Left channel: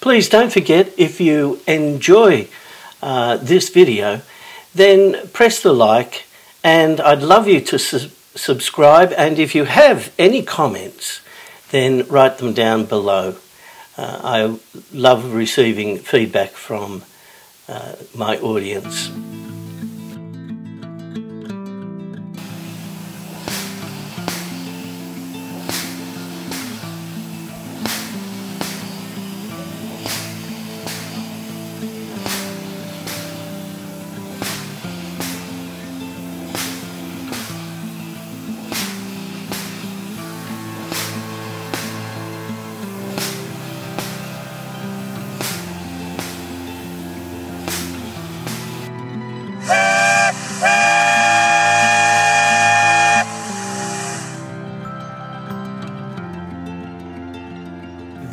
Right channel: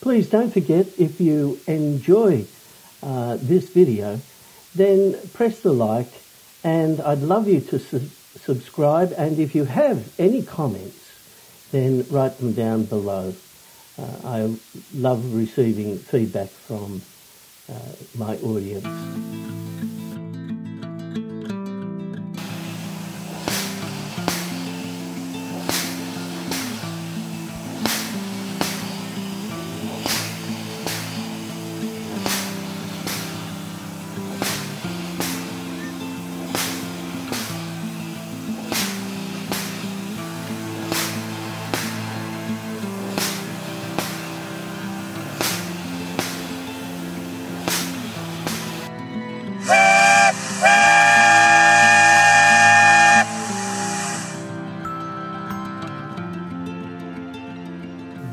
Please don't forget, if you enjoy this video, then press the like, and I'd love you to subscribe, and if you have any comments, then write them down below. I love receiving feedback from my audience.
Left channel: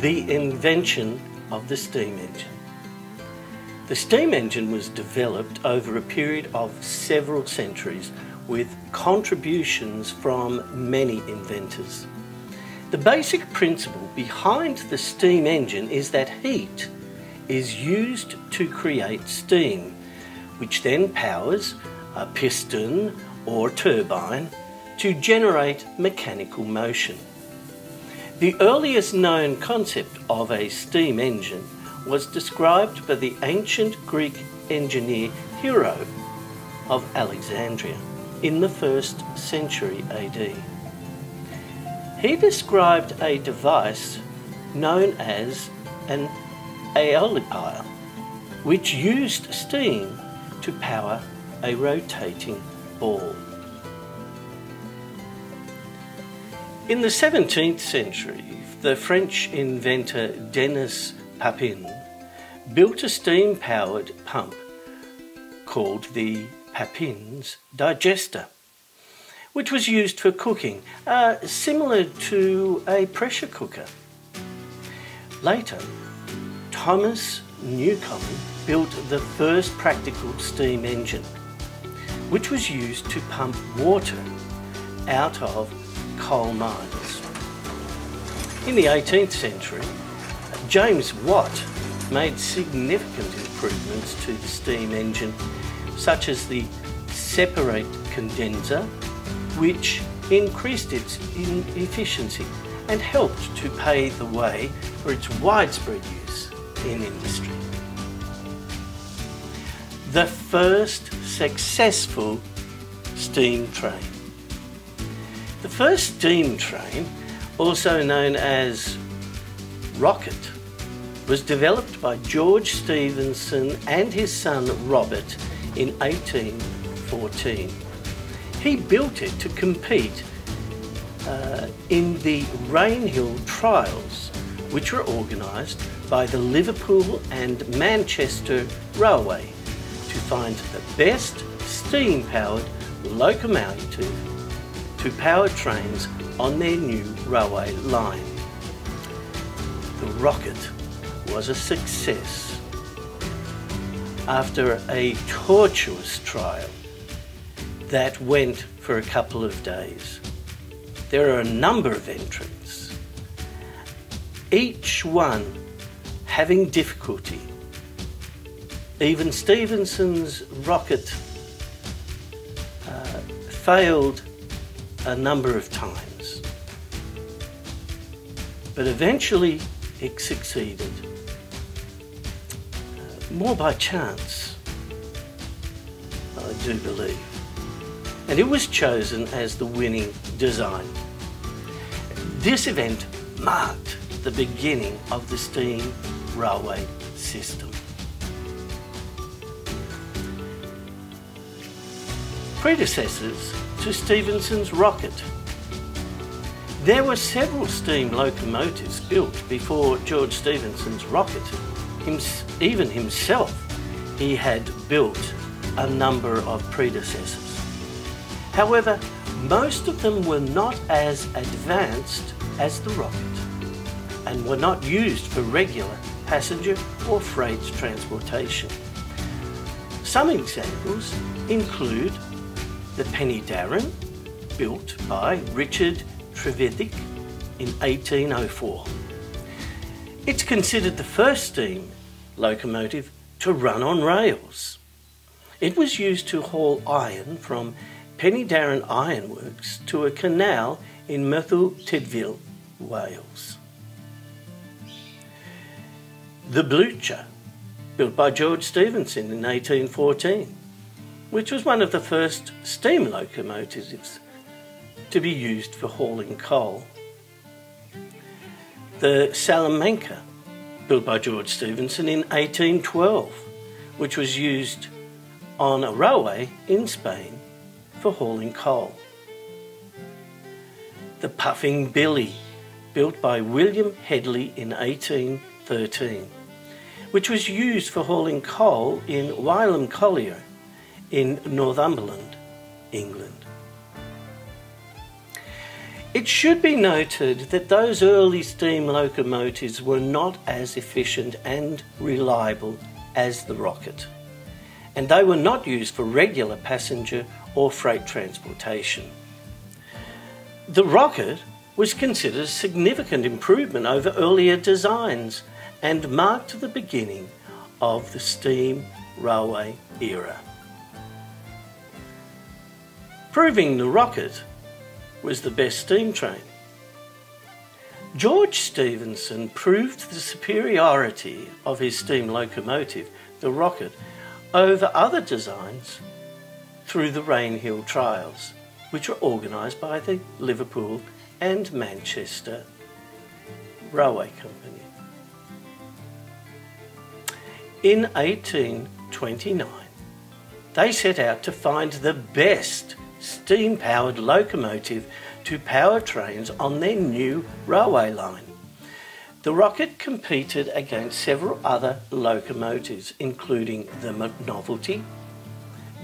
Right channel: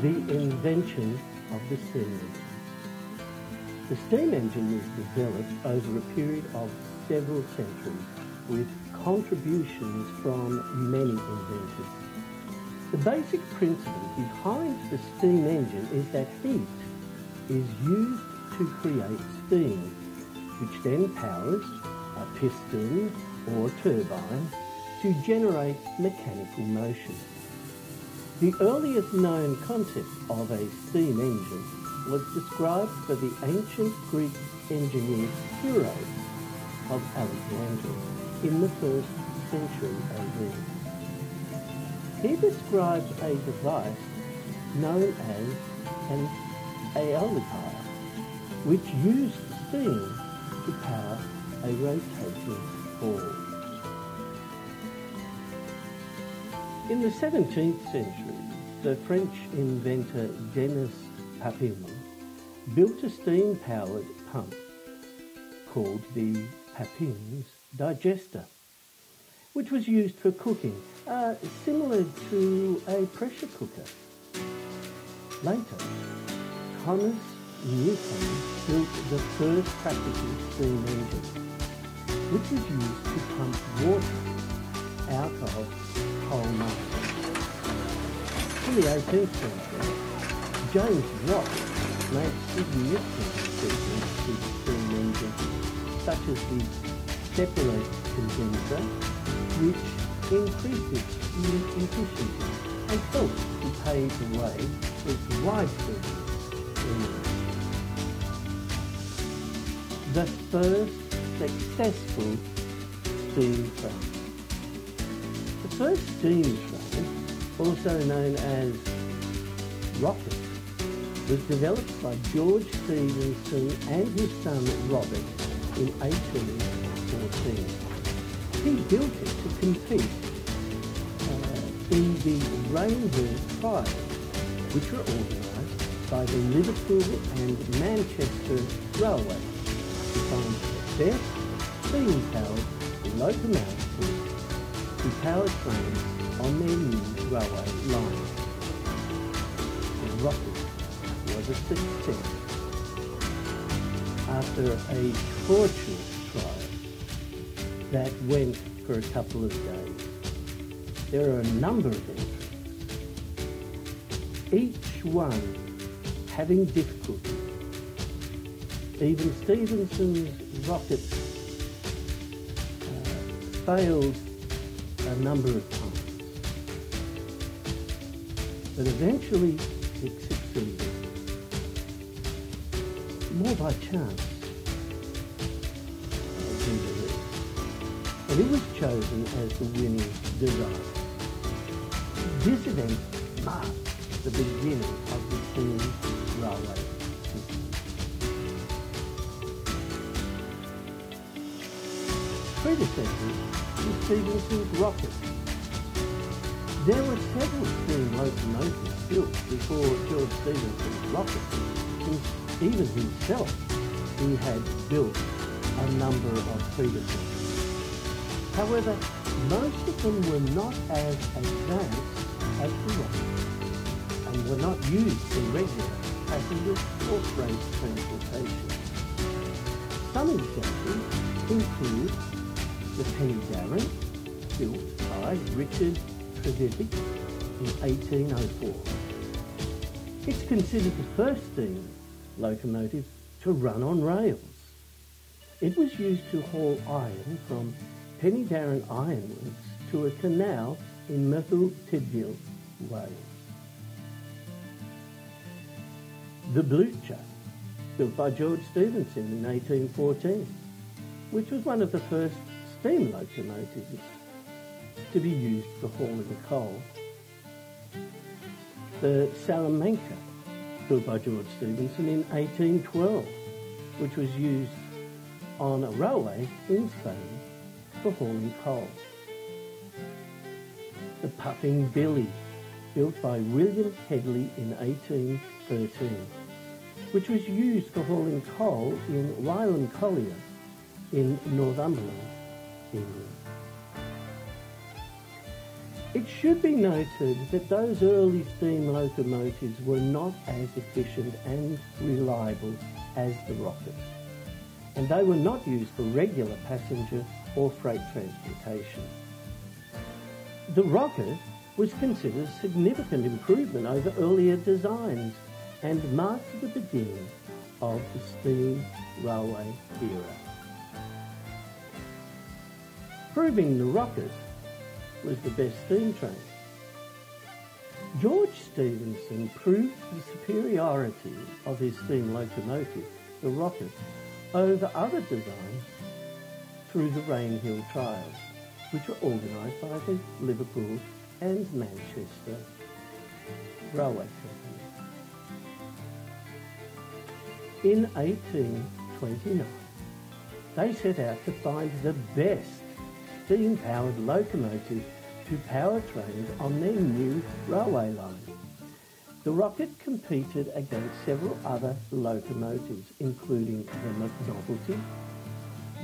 The invention of the steam engine. The steam engine was developed over a period of several centuries with contributions from many inventors. The basic principle behind the steam engine is that heat is used to create steam, which then powers a piston or turbine to generate mechanical motion. The earliest known concept of a steam engine was described by the ancient Greek engineer Hero of Alexandria in the 1st century AD. He described a device known as an aeolipile, which used steam to power a rotating ball. In the 17th century, the French inventor Denis Papin built a steam-powered pump called the Papin's digester, which was used for cooking, similar to a pressure cooker. Later, Thomas Newcomen built the first practical steam engine, which was used to pump water out of coal mines. In the 18th century, James Watt made significant improvements to the steam engine, such as the separate condenser, which increased its efficiency and helped to pave the way for its widespread use in industry. The first successful steam train. The first steam train, also known as rocket, was developed by George Stephenson and his son Robert in 1814. He built it to compete in the Rainhill trials, which were organised by the Liverpool and Manchester Railway to find the best steam-powered locomotive to power trains on their new railway line. The rocket was a success. After a tortuous trial that went for a couple of days, there are a number of entrants, each one having difficulty. Even Stephenson's rocket failed a number of times, but eventually it succeeded, more by chance, I do believe, and it was chosen as the winning design. This event marked the beginning of the steam railway system. Predecessors to Stephenson's rocket. There were several steam locomotives built before George Stephenson's rocket. Even himself, he had built a number of predecessors. However, most of them were not as advanced as the rocket and were not used for regular passenger or freight transportation. Some examples include the Penny Darren, built by Richard Trevithick in 1804. It's considered the first steam locomotive to run on rails. It was used to haul iron from Penny Darren Ironworks to a canal in Merthyr Tydfil, Wales. The Blucher, built by George Stephenson in 1814, which was one of the first steam locomotives to be used for hauling coal. The Salamanca, built by George Stephenson in 1812, which was used on a railway in Spain for hauling coal. The Puffing Billy, built by William Headley in 1813, which was used for hauling coal in Wylam Collier in Northumberland, England. It should be noted that those early steam locomotives were not as efficient and reliable as the rocket, and they were not used for regular passenger or freight transportation. The rocket was considered a significant improvement over earlier designs and marked the beginning of the steam railway era. Proving the rocket was the best steam train. George Stephenson proved the superiority of his steam locomotive, the rocket, over other designs through the Rainhill trials, which were organised by the Liverpool and Manchester Railway Company. In 1829, they set out to find the best steam-powered locomotive to power trains on their new railway line. The rocket competed against several other locomotives, including the Novelty,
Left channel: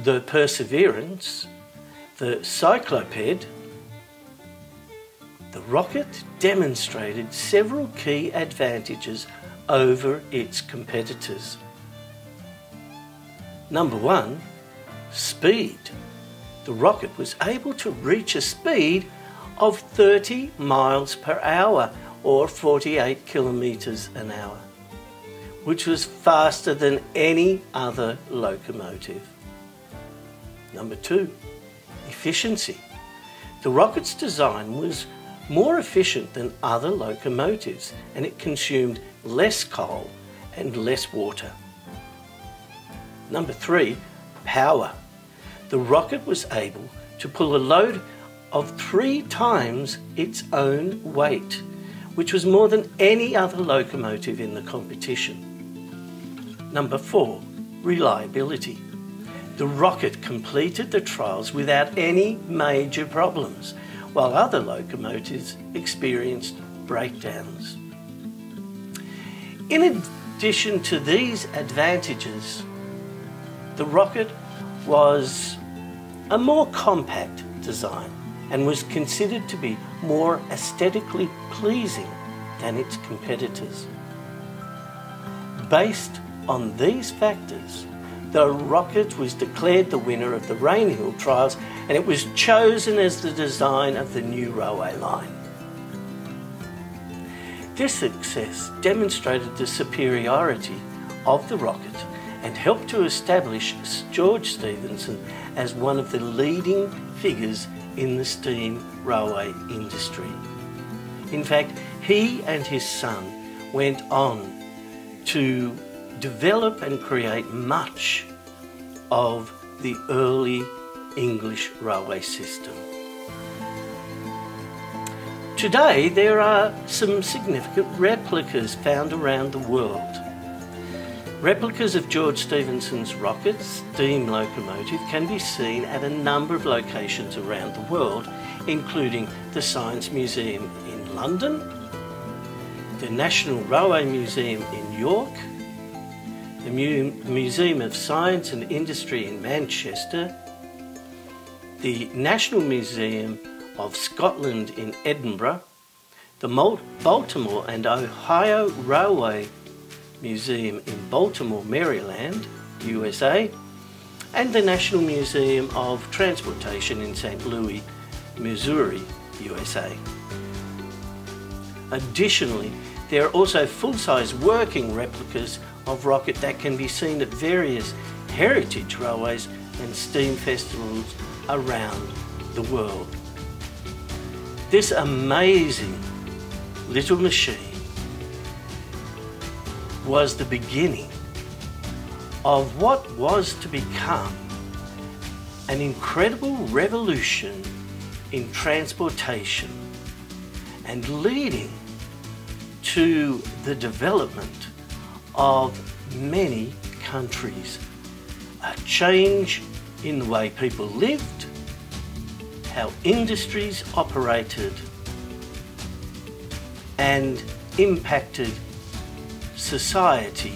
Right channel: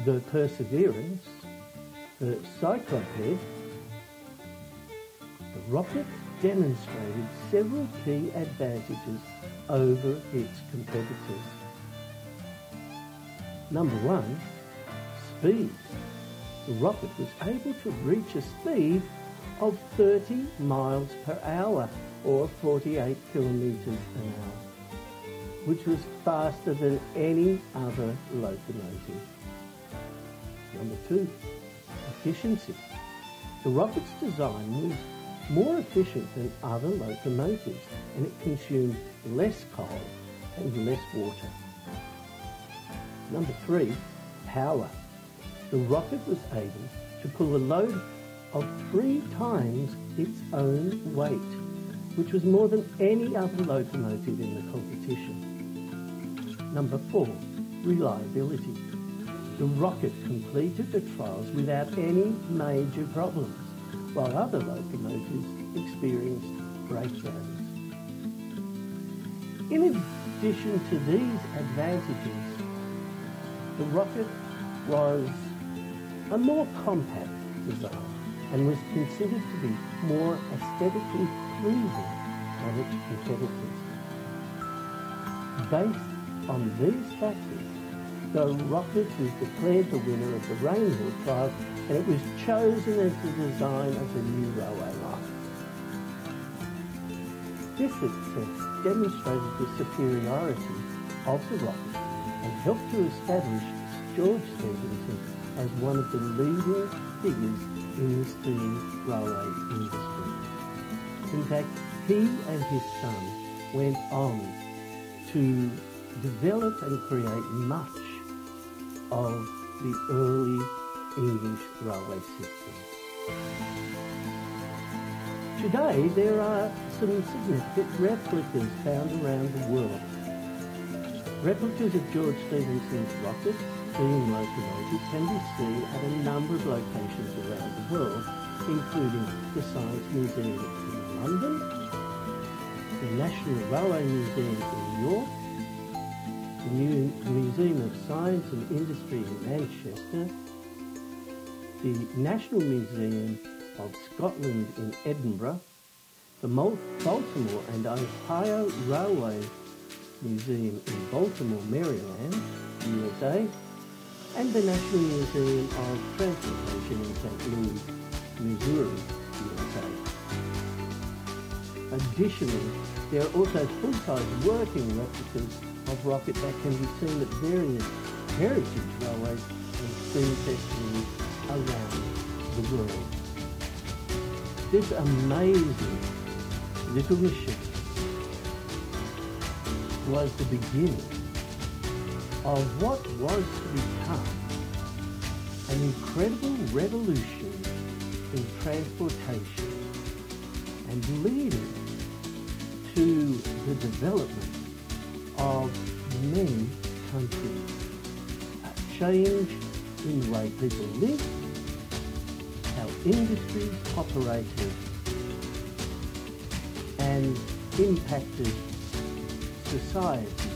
the Perseverance, the Cycloped. The rocket demonstrated several key advantages over its competitors. Number one, speed. The rocket was able to reach a speed of 30 miles per hour or 48 kilometres an hour, which was faster than any other locomotive. Number two, efficiency. The rocket's design was more efficient than other locomotives, and it consumed less coal and less water. Number three, power. The rocket was able to pull a load of 3 times its own weight, which was more than any other locomotive in the competition. Number 4, reliability. The rocket completed the trials without any major problems, while other locomotives experienced breakdowns. In addition to these advantages, the rocket was a more compact design and was considered to be more aesthetically pleasing than its competitors. Based on these factors, the rocket was declared the winner of the Rainhill trials, and it was chosen as the design of the new railway line. This success demonstrated the superiority of the rocket and helped to establish George Stephenson as one of the leading figures in the steam railway industry. In fact, he and his son went on to develop and create much of the early English railway system. Today, there are some significant replicas found around the world. Replicas of George Stephenson's rocket steam locomotive can be seen at a number of locations around the world, including the Science Museum in London, the National Railway Museum in York, the Museum of Science and Industry in Manchester, the National Museum of Scotland in Edinburgh, the Baltimore and Ohio Railway Museum in Baltimore, Maryland, USA, and the National Museum of Transportation in St. Louis, Missouri, USA. Additionally, there are also full-size working replicas of rocket that can be seen at various heritage railways and steam festivals around the world. This amazing little machine was the beginning of what was to become an incredible revolution in transportation and leading to the development of many countries. A change in the way people lived, how industries operated, and impacted society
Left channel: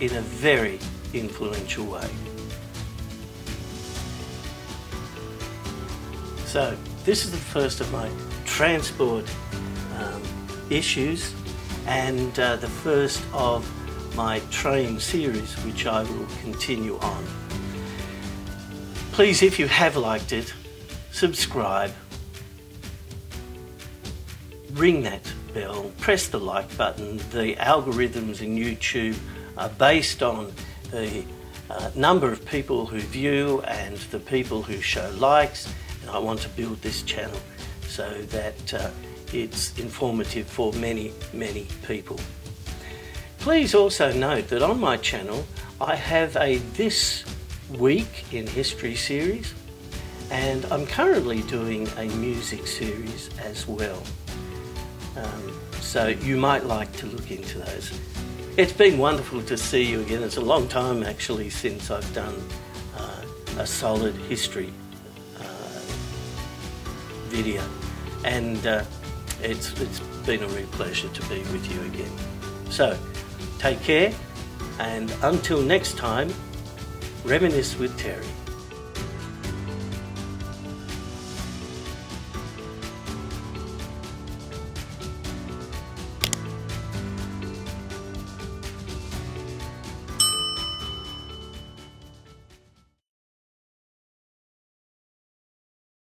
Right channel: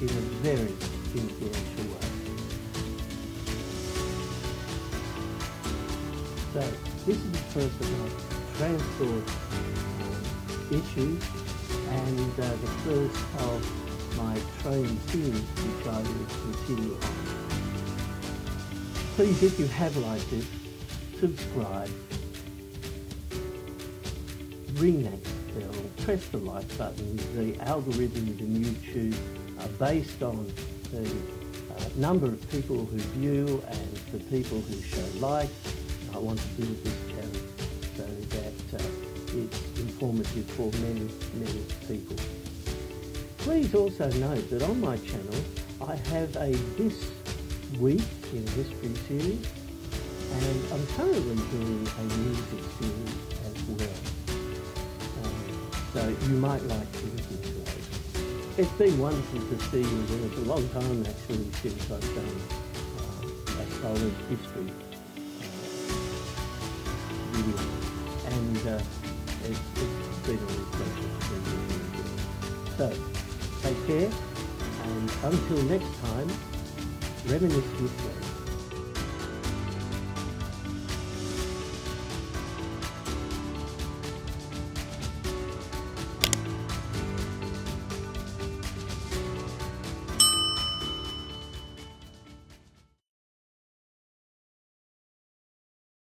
in a very influential way. So this is the first of my transport issues, and the first of my train series, which I will continue on. Please, if you have liked it, subscribe, ring that bell, press the like button. The algorithms in YouTube are based on the number of people who view and the people who show likes, and I want to build this channel so that it's informative for many, many people. Please also note that on my channel I have a This Week in History series, and I'm currently doing a music series as well. So you might like to look into those. It's been wonderful to see you again. It's a long time actually since I've done a solid history video, and it's been a real pleasure to be with you again. So take care, and until next time, reminisce with Terry.